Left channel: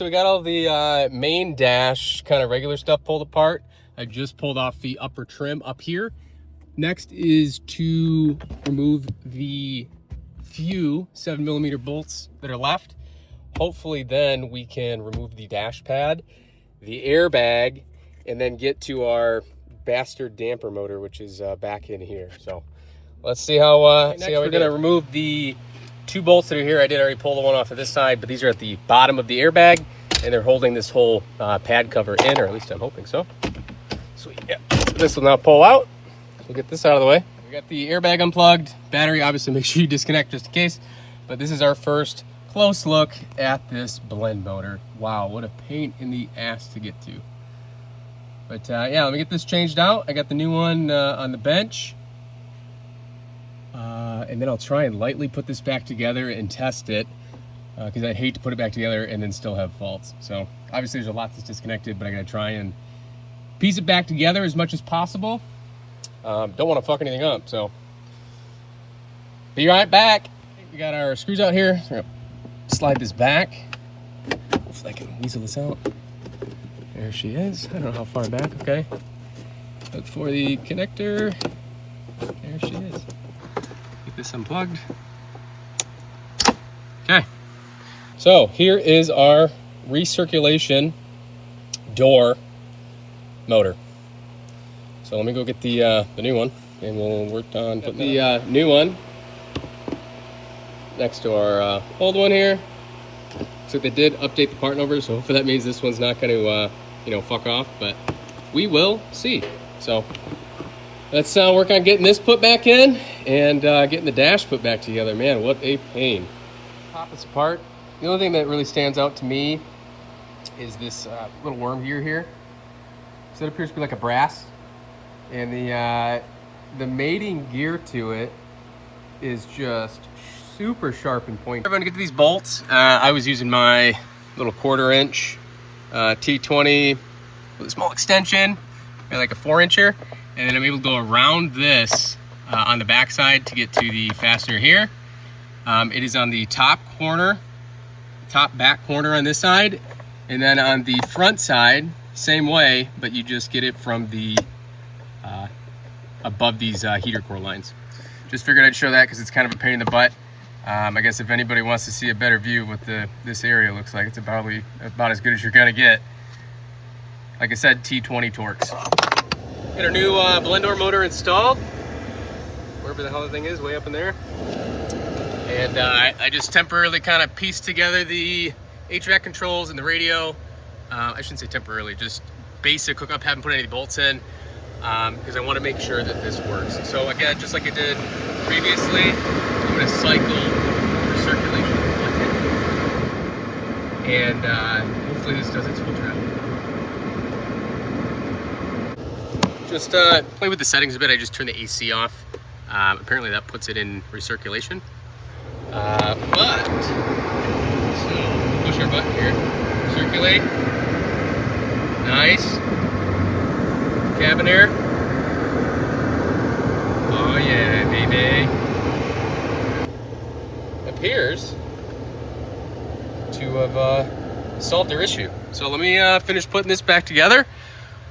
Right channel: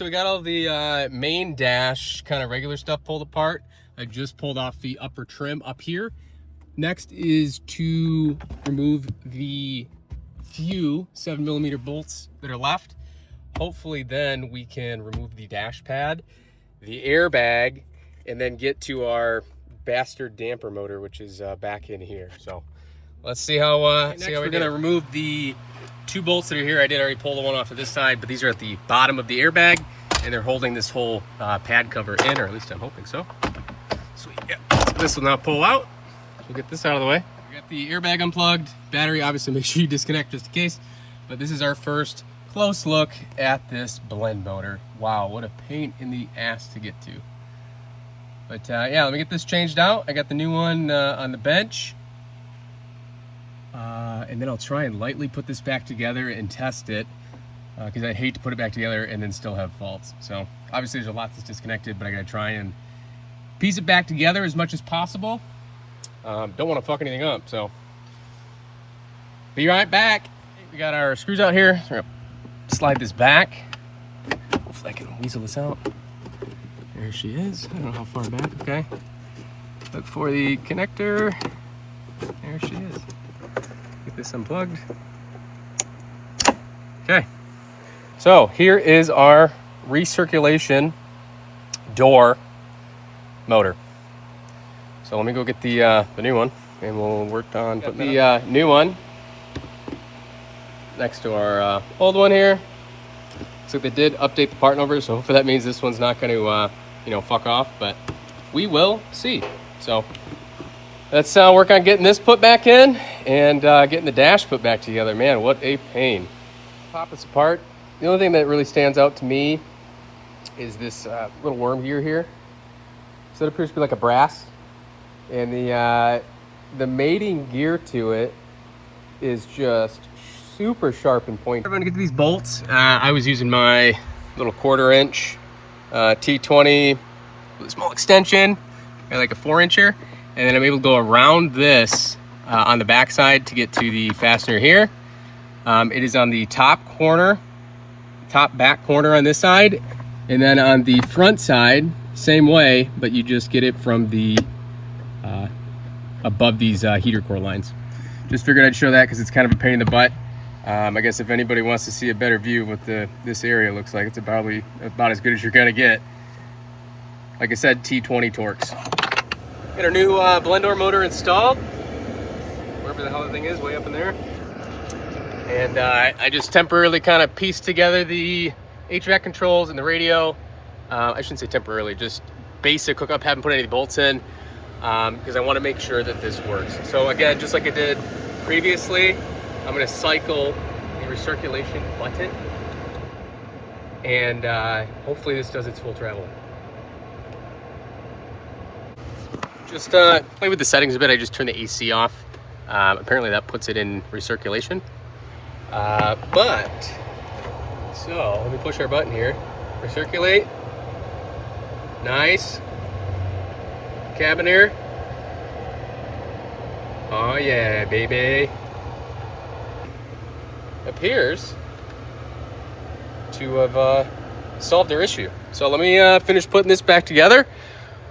so we got all the main dash kind of regular stuff pulled apart. I just pulled off the upper trim up here. Next is to remove the few 7mm bolts that are left. Hopefully then we can remove the dash pad, the airbag, and then get to our bastard damper motor, which is back in here. So let's see how we're gonna remove the 2 bolts that are here. I did already pull the one off of this side, but these are at the bottom of the airbag, and they're holding this whole pad cover in, or at least I'm hoping so. Sweet, yeah. This will now pull out. So we'll get this out of the way. We got the airbag unplugged. Battery, obviously make sure you disconnect just in case. But this is our first close look at this blend motor. Wow, what a pain in the ass to get to. But yeah, let me get this changed out. I got the new one on the bench. And then I'll try and lightly put this back together and test it, because I'd hate to put it back together and then still have faults. So obviously there's a lot that's disconnected, but I gotta try and piece it back together as much as possible. Don't want to fuck anything up, so be right back. We got our screws out here. We're gonna slide this back. Hopefully I can weasel this out. There she is. I don't know how far back. Okay. Look for the connector. There she is. Get this unplugged. Okay. So here is our recirculation door motor. So let me go get the new one, and we'll work on putting the new one next to our old one here. So they did update the part number, so hopefully that means this one's not going to you know, fuck off, but we will see. So let's work on getting this put back in and getting the dash put back together. Man, what a pain. Pop this apart. The only thing that really stands out to me is this little worm gear here. So it appears to be like a brass, and the mating gear to it is just super sharp and pointy. I'm gonna get to these bolts. I was using my little 1/4" T20 with a small extension and like a 4-incher, and then I'm able to go around this on the back side to get to the fastener here. It is on the top back corner on this side, and then on the front side, same way, but you just get it from the above these heater core lines. Just figured I'd show that because it's kind of a pain in the butt. I guess if anybody wants to see a better view of what this area looks like, it's probably about as good as you're gonna get. Like I said, T20 Torx. Got our new blend door motor installed, wherever the hell the thing is, way up in there. And I just temporarily kind of pieced together the HVAC controls and the radio. I shouldn't say temporarily, just basic hookup. Haven't put any bolts in because I want to make sure that this works. So again, just like I did previously, I'm going to cycle recirculation button, and hopefully this does its full job. Just play with the settings a bit. I just turned the AC off. Apparently that puts it in recirculation. But so let me push our button here. Recirculate. Nice. Cabin air. Oh yeah, baby. Appears to have solved their issue. So let me finish putting this back together.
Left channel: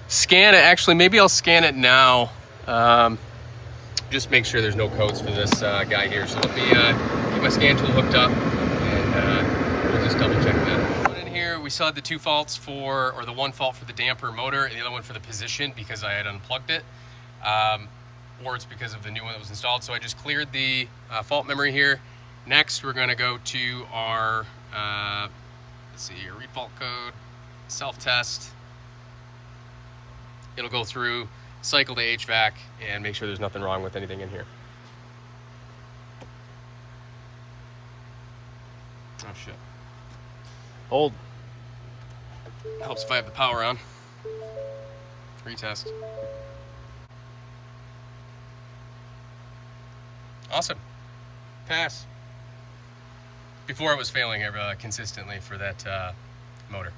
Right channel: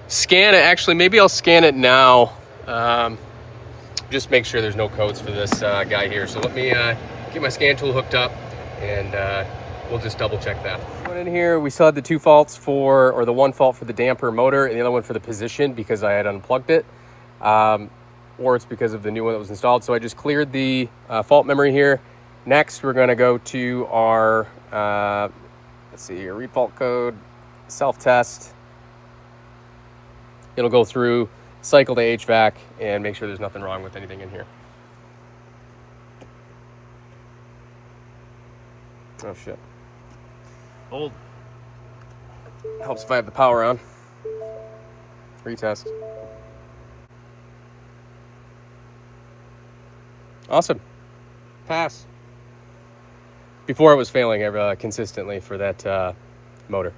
Scan it. Actually, maybe I'll scan it now. Just make sure there's no codes for this guy here. So let me get my scan tool hooked up, and we'll just double check that. In here, we still had the 2 faults or the 1 fault for the damper motor, and the other one for the position because I had unplugged it, or it's because of the new one that was installed. So I just cleared the fault memory here. Next, we're going to go to our let's see here, read fault code, self-test. It'll go through, cycle to HVAC, and make sure there's nothing wrong with anything in here. Oh shit. Hold. Helps if I have the power on. Retest. Awesome. Pass. Before it was failing consistently for that motor.